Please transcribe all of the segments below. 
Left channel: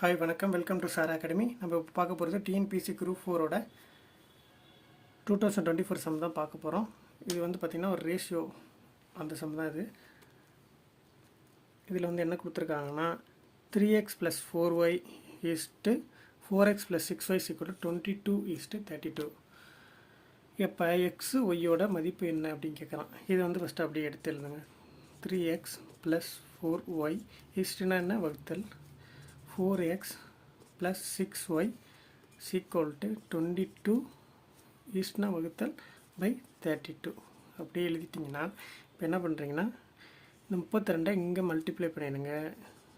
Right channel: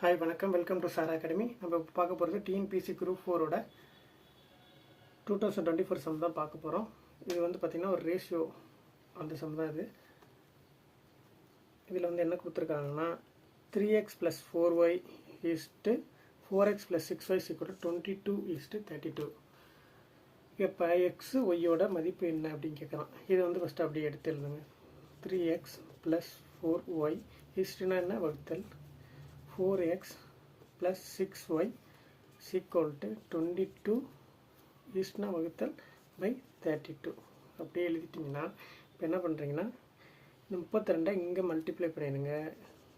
Hi வணக்கம், welcome to sir academy. நம்ம பார்க்க போகிறது டிஎன்பிசி குரூப் 4ஓட 2024 சம் தான் பார்க்க போகிறோம். இது வந்து பார்த்திங்கன்னா ஒரு ரேஷியோ அந்த சம் தான். இதில் வந்து என்ன கொடுத்துருக்காங்கன்னா 3x + 4y = 4x + 6y = 22:32. இப்போ எக்ஸ் ஒய்யோட மதிப்பு என்ன அப்படின்னு கேட்கலாம். இது வந்து ஃபஸ்ட்டு அப்படியே எடுத்து எழுதுங்க. 3x + 4y என்ன வகுத்தல் 4x + 6y = 22 வகுத்தல் பை 32 அப்படியே எழுதிட்டிங்கன்னா இப்போ என்ன பண்ணுறீங்கன்னா இந்த 32 இங்கே மல்டிப்ளை பண்ணிடுங்க,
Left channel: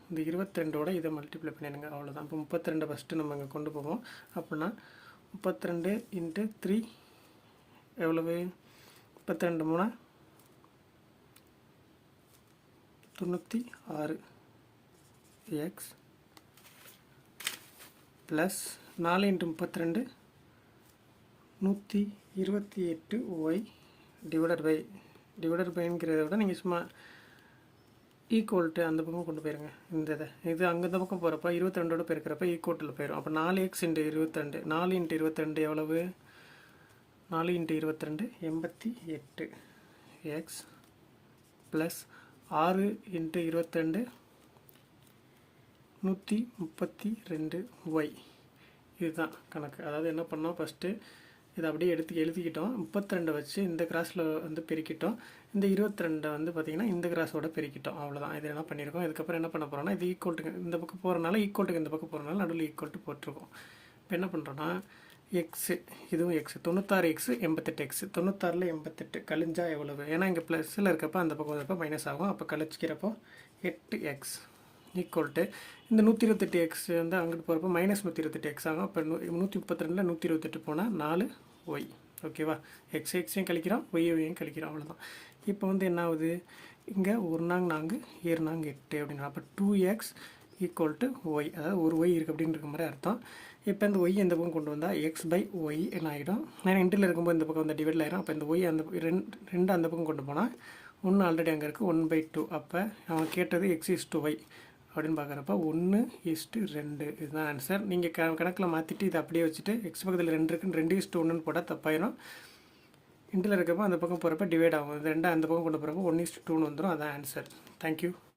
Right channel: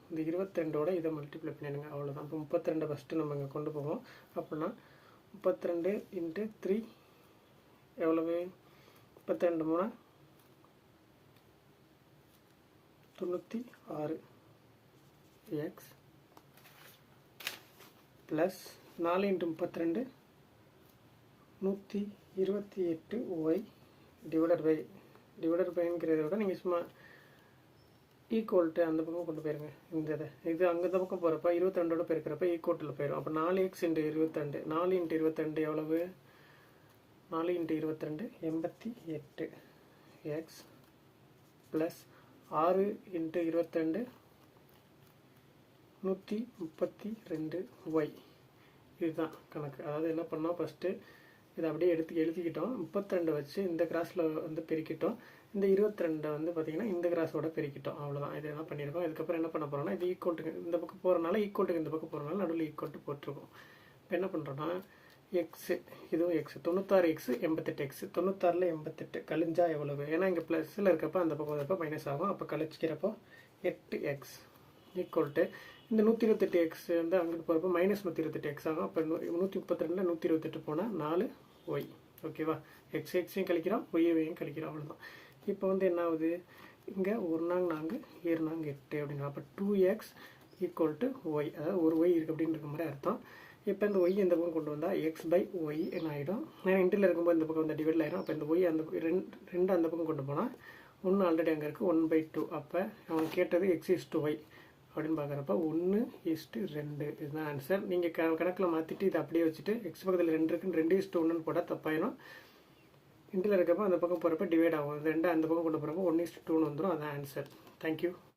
இந்த 22ஓட இதை மல்டிப்ளை பண்ணிடுங்க, அவ்வளோதான். இப்போ 32 ஃபஸ்ட்டு நம்ம இங்கே கொண்டு போவோம். அப்படின்னா 32 × 3 எவ்வளவு? 32 3 96 x ப்ளஸ் 4 × 32 128y டிவைடட் பைங்கிறத விட நீங்கள் சும்மா ஈக்குவல்ட்டு அந்த பக்கம் கொண்டு போயிருங்க. இது அங்கே இந்த பக்கம் போகிறப்ப 22ஓட பெருக்கிறப்ப ஈக்குவட்டில் போயிடும். அப்போ 4x × 22 4 × 22 எவ்வளவு? 4 × 22 88 x ப்ளஸ் 6 × 22 132y. இதுதான் கணக்கு. அதாவது என்ன பண்ணோம், ஃபஸ்ட்டு இதை அப்படியே எழுதிக்கிட்டோம். 32 வச்சு இந்த கிராஸில் வந்து பெருக்கிட்டோம், இந்த 22 வந்து பார்த்திங்கன்னா இந்த கிராஸோட பெருக்கிட்டோம், அவ்வளோதான். இது என்ன பண்ணியிருக்கோம். இதுக்கப்புறம் என்ன பண்ண போகிறோம்னா இது ஈக்குவல்ட்டுக்கு இந்த பக்கம் போகிறனால ஈக்குவல்ட்டுக்கு இந்த பக்கம் போகிறனால நடுவில் ஈக்குவல்ட்டு போட்டிருக்கோம். இப்போ என்ன பண்ணுறோன்னா எக்ஸு, இதுவும் எக்ஸு 96x 88x 96ல் 88 கழிஞ்சா எவ்வளவு? ஏன்னா இங்கே ப்ளஸில் இருக்கப்போ அந்த பக்கம் இருக்கப்போ மைனஸ் ஆகும். அப்போ கழிச்சிக்கிறப்போ 8x ஈக்குவல்ட்டு இந்த 128x வந்து அங்கிட்டு போகிறப்போ மைனஸ் 128x ஆகும். அப்போ 132ல் 128 போனால் 4y. ஓகேவா? எக்ஸையும் கழிக்கிறோம், ஒய்யையும் கழிக்கிறோம், அவ்வளோதான். இப்போ வந்து என்ன ஆகுது, இங்கே 1 4 4 7 4 8 அப்படின்னா அப்போ 2x = y, அதாவது ஒரு y இருக்குது அப்படின்னு இருக்க மாதிரி அர்த்தம். இப்போ இந்த ஒய் இந்த பக்கம் கொண்டு வந்தால் x/y என்ன ஆகிடும்? ஏன்னா இன்டில் இருக்கும்போது இந்த பக்கம் வந்து டிவைடில் ஆகிடும். அப்போ இந்த ஒய் அந்த ரெண்டு அந்த பக்கம் கொண்டு போனால் 1 ஆல்ரெடி அங்கே இருக்குது 1/2. அப்போ அவன் கேட்டது x/y அப்படின்னு பார்க்குறப்ப 1:2 இதுதான் ஆன்சர். நீங்கள் கணக்கில் மாற்றிட்டு இதை அப்படியே வச்சுட்டு எக்ஸ் பக்கத்தில் 2 இருக்குன்னு 2:1 போட்டால் தப்பாயிடும். இன்டில் இருக்கப்போ அந்த பக்கம் போகிறப்ப டிவைட் ஆகும். 2 அந்த பக்கம் கொண்டு போகிறப்போ 1:2 வந்துடும். அதான் ஆன்சர். தேங்க்யூ.